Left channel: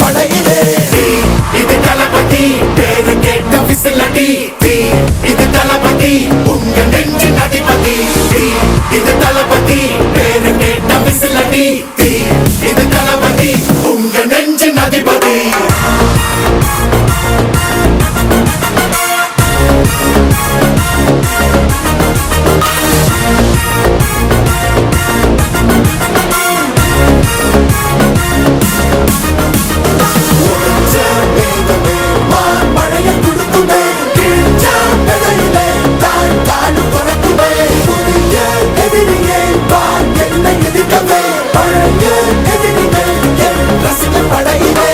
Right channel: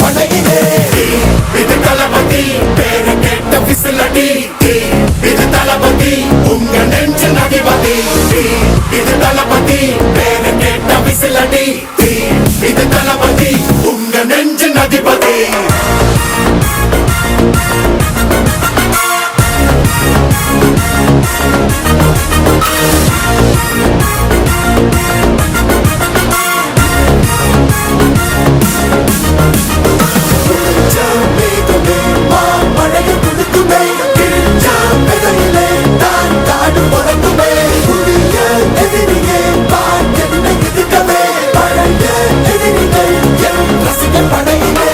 படையிலே இது தளபதி பேரு கேட்ட விசிலடி இது தளபதி உங்க நெஞ்சின் அதிபதி இது தளபதி பேரு கேட்ட விசிலடி இது தளபதி உங்க நெஞ்சின் அதிபதி